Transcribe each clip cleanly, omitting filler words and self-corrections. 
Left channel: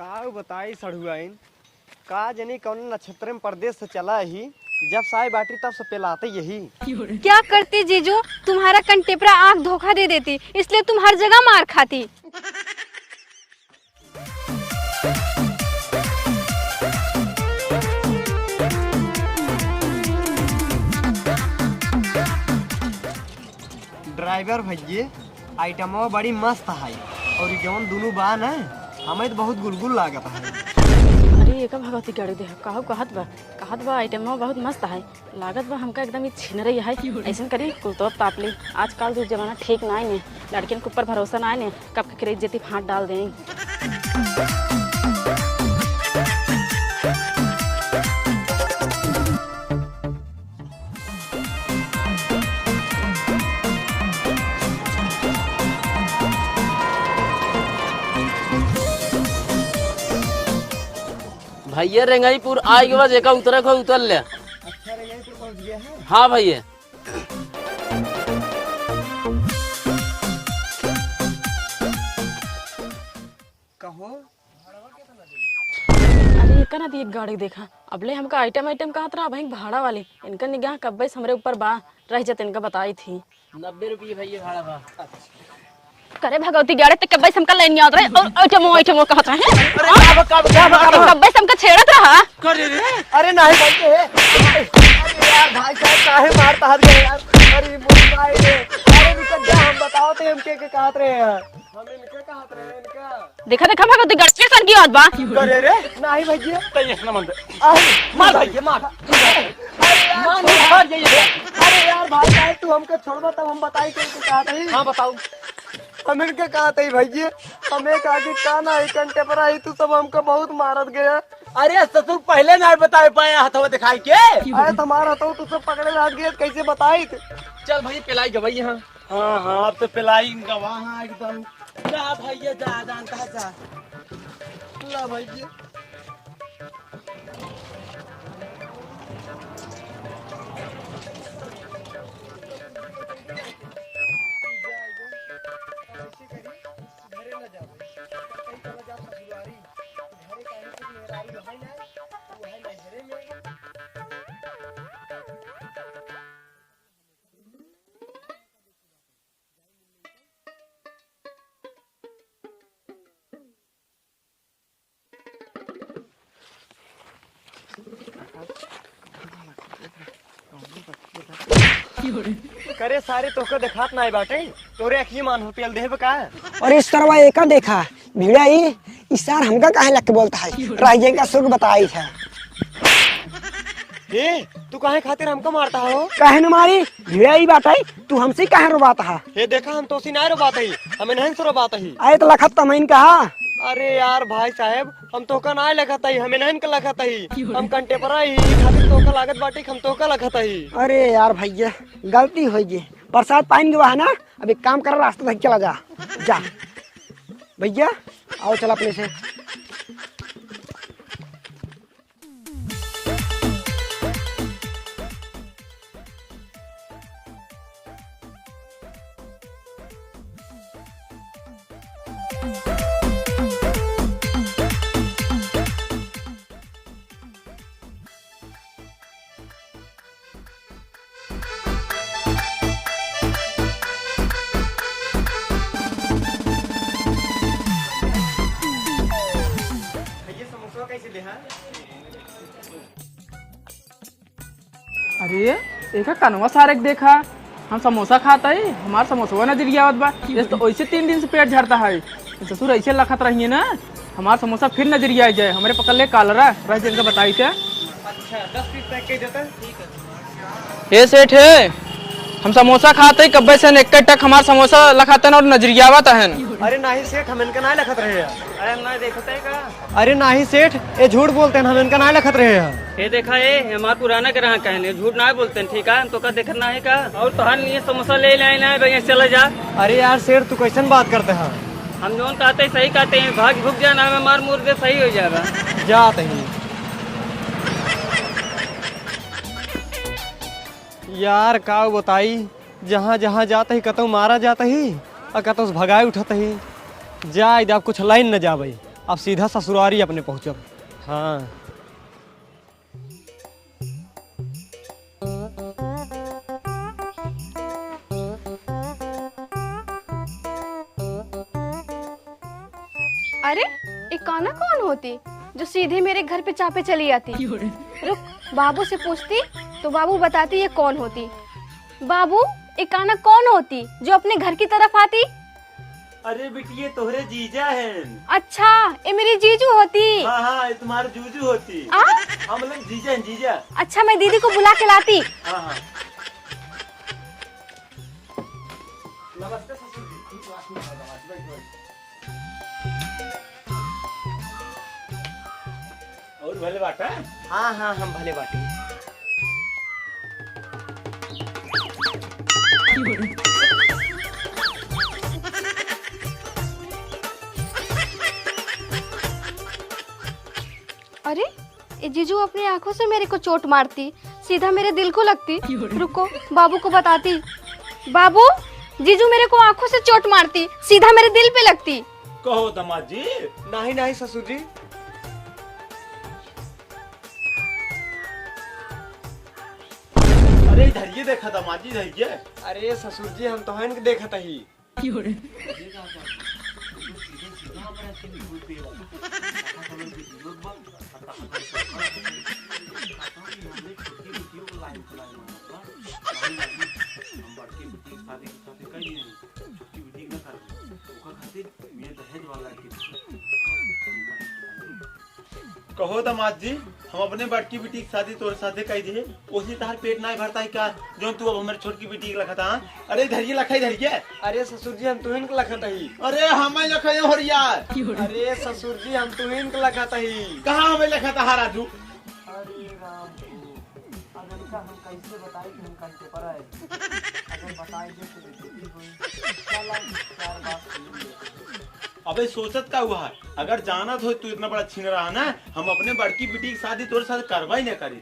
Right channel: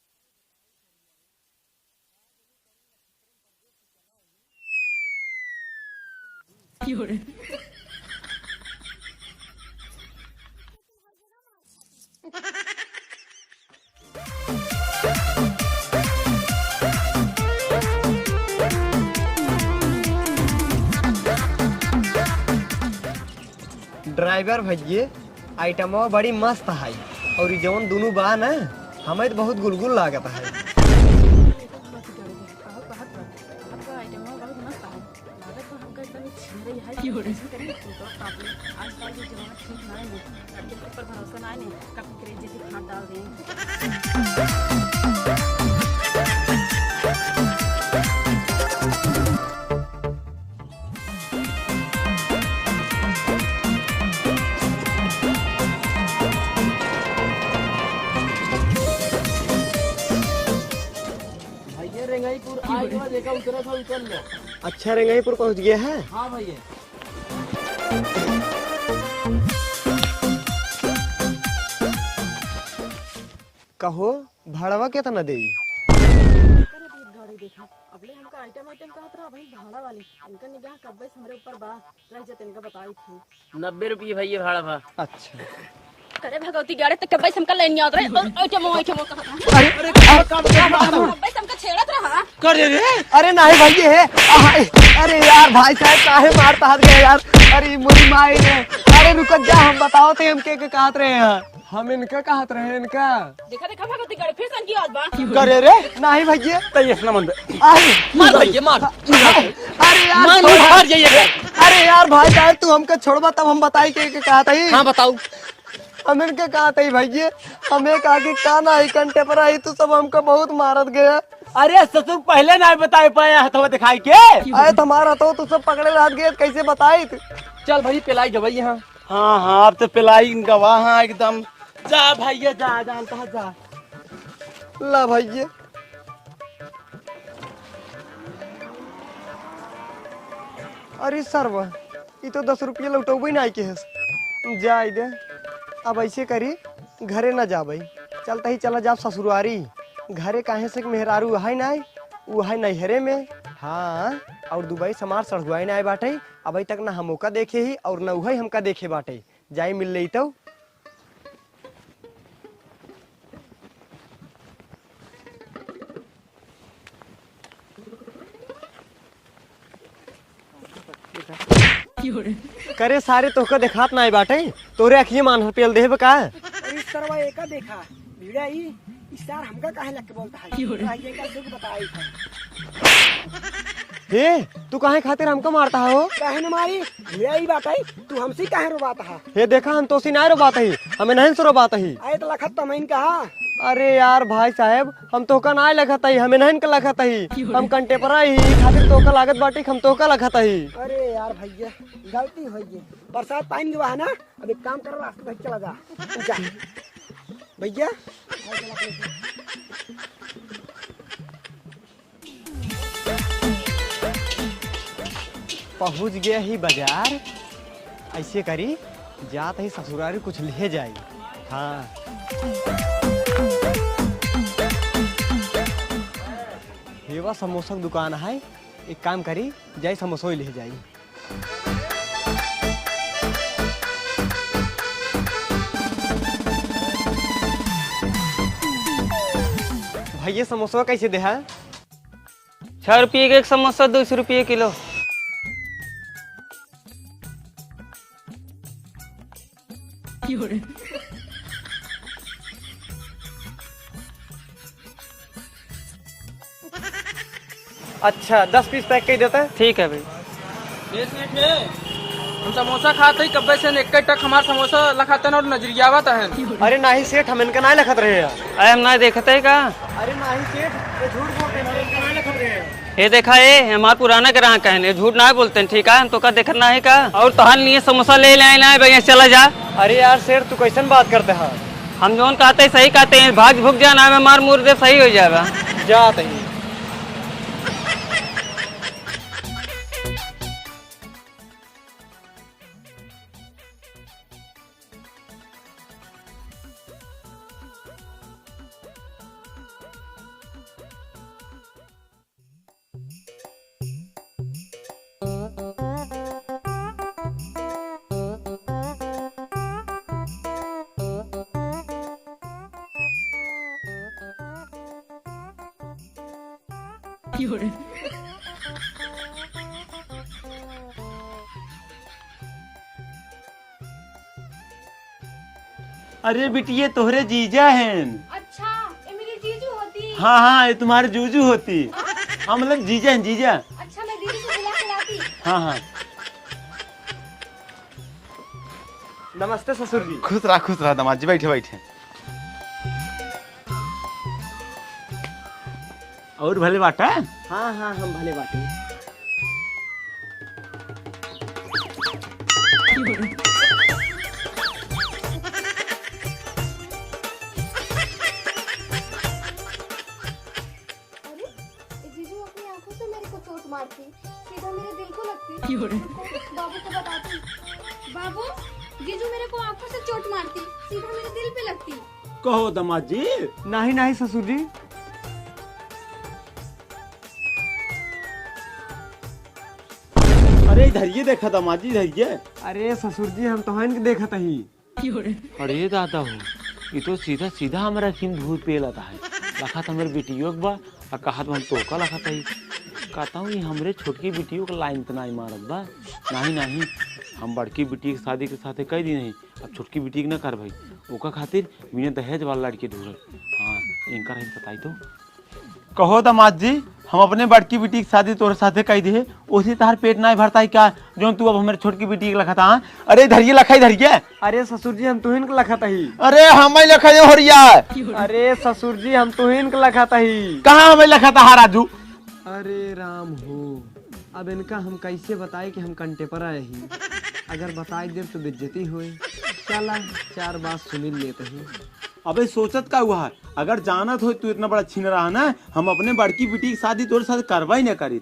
का बताई सड़ुआइन का जनी कौन नक्षत्र में परदेश से चला ही जब साई बाटी तब से पेलाते यही। क्या करती जीजू, तुम्हारा कंटेपरा आंख धोखा दे देती, इसलिए तुम हर जगह मार खाती। ड्राइवर भैया आइटमवा बड़ी मस्त है और जौन दोनों बा ना हमें तो बहुत गुलगुल लागत है। अरे एक भगवती गाड़ी दे कहू कहत बा आइटम बहुत मस्त है लागत बा हमका एकदम ही छीन रही है। ऐसा करी कुल तो ताप ली, आजकल जो जमाना ठीक ना है, लड़कियों के ऊपर भरोसा ना है, कब के जेती हाथ डाल दें। भैया रेंगाईपुर आई के बाद एका उतरे को उतर ले। अच्छा रेंगाईपुर पहुंच गया है। हाँ भैया कहो भाड़वा कितना दे? इनका ना दी गाड़ी देखा अबले हमका आइटम कहा था भाई भाड़ा वाली, इनका निगाह कब्बे हमरे ऊपर बा रह जाते, इनका बताई थी 90 रुपये भैया भाड़ा बा। अच्छा करे भगवती गाड़ी तक कब्बे हमका लेन याद रहे आइटमो कहता है कब्बे हमका छेड़त रहा करे रे। अरे नहीं भैया, अरे यार भाई साहब काहे मारता है यार। अरे मुझे माई ने अरे रुक जा, हम बताओ थे हम के कहत रहे हैं, हम इनका कहत रहे हैं इनका। देखा भगवती गाड़ी के सन की बात बा करे रे नहीं भैया तैये ना मन मार भैया मार। अरे यार मार जाइए। अरे यार भाई साहब तू हमको छोड़वा तब हम बताई के कहत है। हाँ बताओ। हम इनका कहत है भैया, हमें आगे काना ही कंटे पर आई तू सब हमको बहुत मारत गया। अरे ससुर पहले नहीं बता पाया हथवा दिखाई के। अरे तुम्हारा तो तू सब पकड़े रह गए कैसे बताई? चल भाई पिलाई गवाई। हाँ हाँ हाँ अब तो पिलाई गवाह हाँ एकदम। जा भैया जा जानता जा। ला भैया अरे सरवा ये तो 10 रुपये लौटोबे नहीं के है। जा दे अब ऐसे करी घरे न जा भाई, चलता ही चला जा ससुरारी। घरे काहे से मेहरारू है नहीं, वो है नैहरे में। हाँ और दुबई समार सड़ुआई नहीं बाटे, अभी तक ना हम का देखे ही और न वही हमका देखे बाटे। जाई मिल रही तो करे सारे तोके देखात नहीं बाटे, तोरे अखिए मान पेल देब का। और इस तरह एका देखा भिड़ा इस सार हमका काहे लग के बोलता है, राजे का सुख बताई था। हे तू काहे खातिर हमको मारता हो? काहे न मारी भिड़ा ही बात है, तू हमसे काहे रोबाता है? हे देखा हम तो नहीं रोबात ही, हमें नहीं से रोबात ही। आए तो लखत तमैन कहा। अरे यार भाई साहब हम तो का ना लखत ही, हमें नहीं लखत ही, हम कंटे पर आई खातिर तो का लागत बाटे हम तो का लखत ही। अरे यार भैया गलती हो गई, बरसात पानी के ना, अब एक काम कर रास्ते तक चला जा जा भैया आओ चल अपने से। पहुंच गया ही बाजार, ऐसे करी जात ही ससुरारी कुछ ले जाई। हाँ हेवा समोसा की दुकान है, एक काम करी जाई समोसा ही ले जाई। भैया समोसा कैसे दे है? 6 रुपये का एक समोसा 200 रुपये किलो। अरे एक कनवा सारे देखा हम समोसा खाता है, हमारा समोसा नजरिया आवत बा तो वैसे 3 दिन से पेट झड़ता है। ससुर ऐसे लखत रही है ना, हमारा समोसा फिर नजरिया आ जाए, हमारे पकड़ ले कालरा रह जन बताई थे। अच्छा 10 पीस पैक कर देता है। ठीक है भाई। ये सेठ है हम समोसा खाते ही कब्बे से एक टक हमारा समोसा लखाते हैं और नजरिया आवता है। अरे नहीं सेठ हम इनका नहीं लखत रहे हैं। अरे हम ना देखते है का। अरे नहीं सेठ ये झूठ बोलते हैं, हम इनका नहीं लखत रहे हैं। ये देखा ये हमारे पुराना के रहा कहने झूठ ना बोलते हैं, ठीक है तो का देखना है का। और तोहर लिए समोसा ले लेना है भैया चला जा। अरे यार सेठ तू कैसन बात करते हैं? हम जोन कहते हैं सही कहते हैं, भाग भुग जाना है मार मुर दे सही हो जाएगा। जाते ही यार का बताई, जहाँ जहाँ जाता ही कतौ मारा जाता ही और कतौ भगाए उठता ही। जा अब कुछ लाइन न जाबई, अब सीधा ससुरारी अपने पहुँचब। हाँ अरे एक काना कौन होती जो सीधे मेरे घर पे चापे चली आती? रुक, बाबू से पूछती तो बाबू बताती ये कौन होती। बाबू, एक काना कौन होती जो अपने घर की तरफ आती? अरे बिटिया तोहरे जीजा हैं। अच्छा, ये मेरी जीजू होती। हाँ हाँ, ये तुम्हारे जूजू होती। आ? हाँ मतलब जीजा हैं, जीजा। अच्छा, मैं दीदी को बुला के लाती। हाँ हाँ। नमस्ते ससुर जी। खुश रहा दामाद जी, बैठे बैठे। और भले बाटा। हाँ हाँ, हम भले बाटे। अरे ये जीजू अपनी आंखों से मेरे को चोट मारती, सीधा मेरे दिल को लगती। रुको, बाबू को बताती। बाबू, जीजू मेरे को आंखों से चोट मारती, सीधा मेरे दिल पे लगती। कहो दामाद जी। नहीं नहीं ससुर जी। अरे धैर्य देखा दामाद जी, धैर्य। अरे ससुर जी, हम तो हन के देखत ही। अरे दादा हो, ये तो सीधा सीधा हमारा सिंह भूत पे लगा है। लखा तो हमारे बेटियों के बा और कहा तो हम टोका लखा था। कहता हूँ ये हमरे छोटकी बेटियों को लाइन तो नहीं मारत बा। नहीं नहीं, हम बड़की बेटी की शादी के साथे कह दी नहीं, अब छोटकी बेटी के न कर भाई। ओका खातिर मैंने दहेज वाला लड़के ढूंढे। हाँ, इनका है बताई तो। कहो दामाद जी, हम अपने बड़की बेटी की शादी तोरे साथे कह दी है, उसी तार पेट नहीं भरता है क्या जो तू अब हमारे छोटकी बेटी के लखा था? अरे धरिए लखाई धरिए। अरे ससुर जी, हम तुहिन के लखत ही। अरे हमें लखा हो रिया। अरे ससुर जी, हम तुहिन के लखत ही। कहाँ हमें लखा था राजू? अरे राम हो, अब इनका हम कैसे बताए कि हम कंटे पर आए ही। अगर बताए दे तो बेइज्जती हुई। चला, चार बात सुन लेते हैं। अबे सोचत का हुआ है, अगर जानत हो तू इतना बड़ा छीन रहा ना, हम अपने बड़की बेटी की शादी तोरे साथ करवा ही न करी।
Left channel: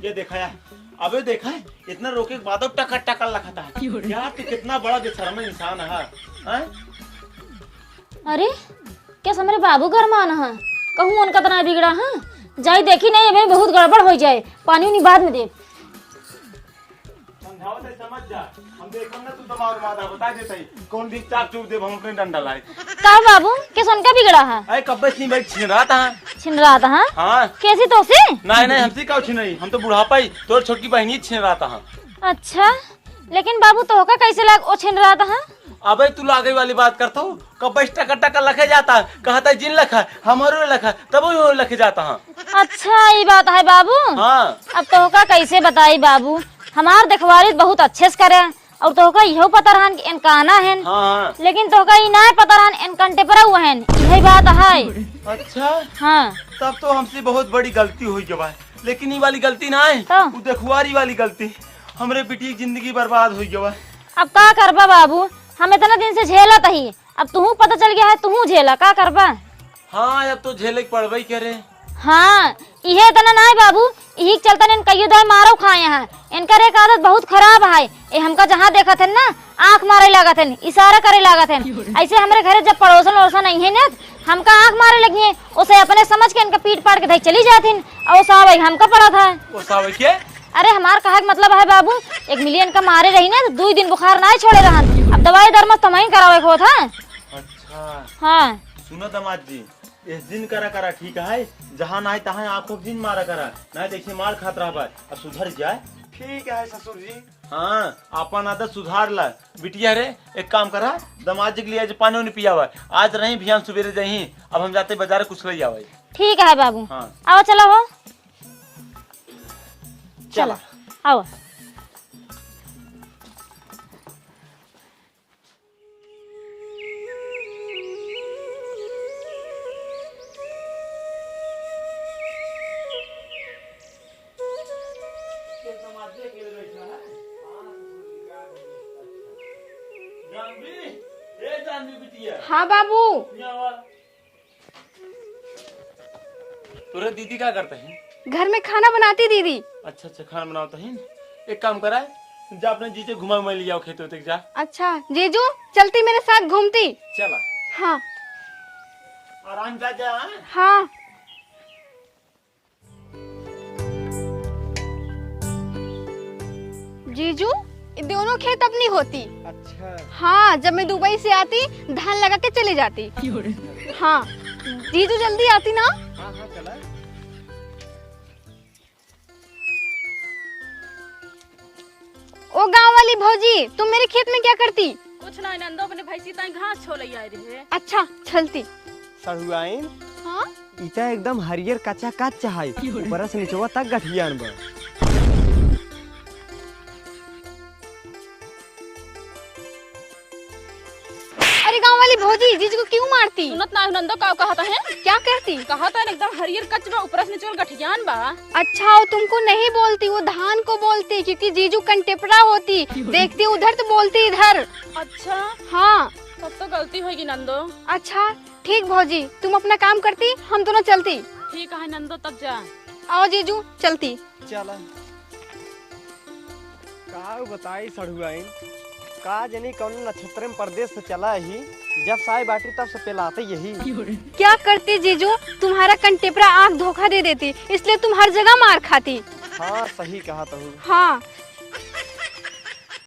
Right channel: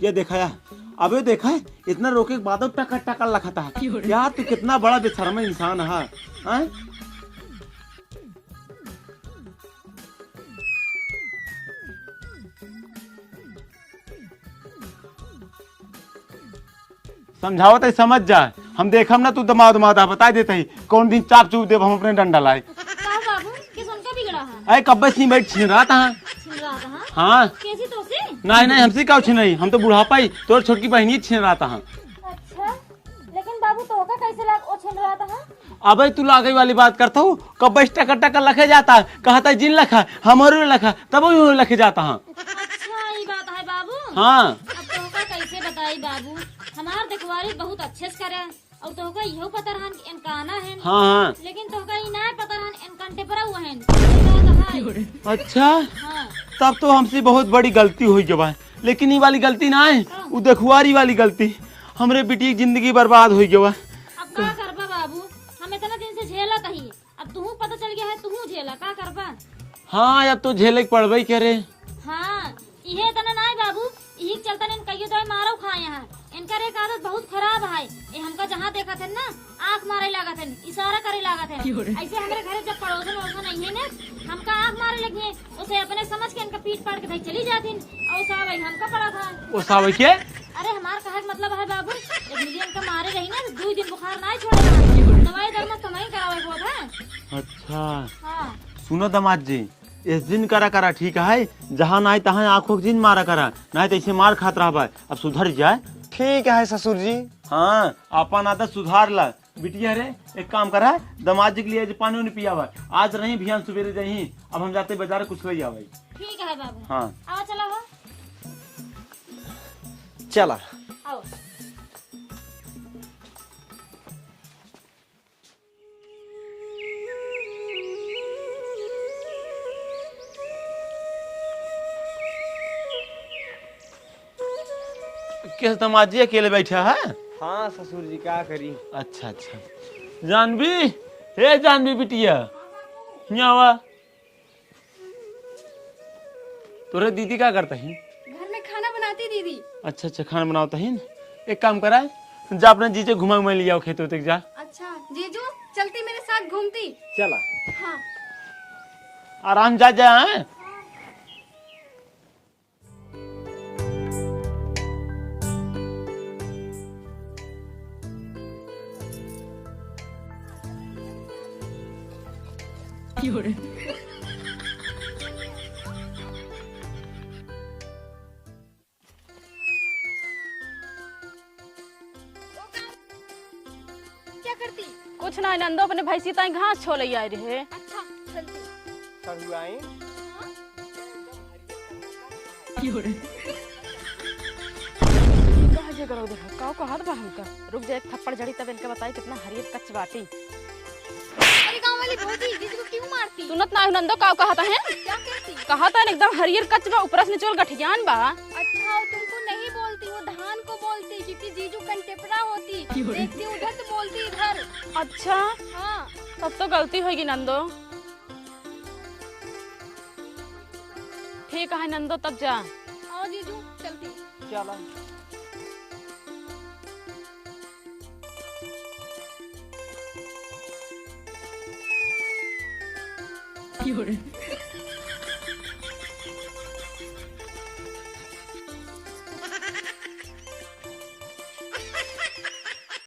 ये देखा यार, अबे देखा है इतना रोके के बाद टकर टकर लखा था। यार तू कितना बड़ा बेशर्म इंसान है। हाँ? अरे क्या हमारे बाबू घर में आना है? कहूँ उनका तो नहीं बिगड़ा है, जाई देखी नहीं भाई, बहुत गड़बड़ हो जाए। पानी उन्हीं बाद में दे। समझाओ तो समझ जा, हम देखम ना तू दमाद दमादा बता देते ही कौन दिन चाप चूप दे हम अपने डंडा लाए। का बाबू किस उनका बिगड़ा है? अरे कब्बे सी बैठ छीन रहा था। छिन रहा था? हाँ? हाँ कैसी तो से? नहीं नहीं, हमसे क्या छीन रही, हम तो बुढ़ापा ही तोर छोटकी बहनी छीन रहा था। अच्छा, लेकिन बाबू तो होगा कैसे लाग ओ छिन रहा था? हाँ? अबे तू लागे वाली बात करता हूँ, कब्बे टका टका लखे जाता है, कहता है जिन लखा हमारे लखा, तब वो लखे जाता है। अच्छा ये बात है बाबू। हाँ अब तो होगा कैसे बताई बाबू, हमार देखवारी बहुत अच्छे से करे और तो होगा यहो पता रहन कि इनका आना है। हाँ लेकिन तो होगा ना पता रहन इन कंटे पर हुआ है। यही बात है। अच्छा, हाँ तब तो हमसे बहुत बड़ी गलती हुई जब है, लेकिन ये वाली गलती ना है, तो? वो देखुआरी वाली गलती। हमरे बेटी की जिंदगी बर्बाद हुई जब। अब का करबा बाबू, हम इतना दिन से झेला तही, अब तू पता चल गया है तू झेला, का करबा? हाँ अब तो झेले पड़बई करे। हाँ इहे तना ना बाबू, यही चलता ने कईयो दाई मारो खाए हैं। इनका एक आदत बहुत खराब है, ये हमका जहाँ देखा थे ना आंख मारे लगा थे, इशारा करे लगा थे। ऐसे हमारे घर जब पड़ोसन वड़ोसन नहीं है ना, हमका आंख मारे लगी है, उसे अपने समझ के इनका पीट पाट के चली जाती और साहब हमका पड़ा था। वो साहब के? अरे हमार कहा मतलब है बाबू, 1 मिलियन का मारे रही ना तो 2 दिन बुखार ना छोड़े रहा। अब दवाई दरमस तो वहीं करावे को था। अच्छा हाँ सुनो दामाद जी, इस दिन करा करा ठीक है, जहाँ ना तहाँ आंखों के दिन मारा करा, नहीं तो ऐसे मार खात रहा। अब सुधर जाए। ठीक है ससुर जी। हाँ अपन आदत सुधार ला। बिटिया रे एक काम करा, दामाद जी के लिए आज पानी उन्हें पिया हुआ, आज रही भियान सवेरे जाही, अब हम जाते बाजार कुछ ले जावे। ठीक है बाबू। हाँ आओ चलो हो, चला आओ। किस दामाद जी अकेले बैठा है? हाँ ससुर जी, क्या करी। अच्छा अच्छा। जानवी, हे जानवी बिटिया, हाँ बाबू। यहाँ आवा। तोरे दीदी क्या करता है? घर में खाना बनाती दीदी। अच्छा अच्छा, खाना बनाता है। एक काम करा, जा अपने जीजे घुमा घुमा ले आओ खेतों तक जा। अच्छा जीजू, चलती मेरे साथ घूमती। चला। हाँ आराम जा जा हैं? हाँ। जीजू ये दोनों खेत अपनी होती। अच्छा हाँ, जब मैं दुबई से आती धान लगा के चली जाती। हाँ जीजू जल्दी आती ना। ओ गांव वाली भौजी, तुम मेरे खेत में क्या करती? कुछ ना नंदो अपने भैंसी ताई घास छोले आई रहे। अच्छा चलती। सहुआइन हाँ इटा एकदम हरियर कच्चा कच्चा है बरस नीचवा तक गठियान बा। रुक जाए थप्पड़ जड़ी तब इनके बताई कितना हरियर कच्ची बाटी। अरे गांव वाली भौजी जीजू को क्यों मारती? सुनत ना नंदो का कहता है? क्या कहती? कहा तो एकदम हरियर कचरा ऊपर से नीचे गठियान बा। अच्छा वो तुमको नहीं बोलती, वो धान को बोलती क्योंकि जीजू कंटेपरा होती। देखती उधर तो बोलती इधर। अच्छा हाँ तब तो गलती होगी नंदो। अच्छा ठीक भौजी, तुम अपना काम करती, हम दोनों चलती। ठीक है नंदो तब जा। आओ जीजू चलती। चला का बताई सड़ुआइन का जनी कौन नक्षत्र में परदेश से चला ही, जब साई बाटी तब से पिलाते यही। क्या करती जीजू, तुम्हारा कंटेपरा आँख धोखा दे देती, इसलिए तुम हर जगह मार खाती। हाँ सही कहा तुम। हाँ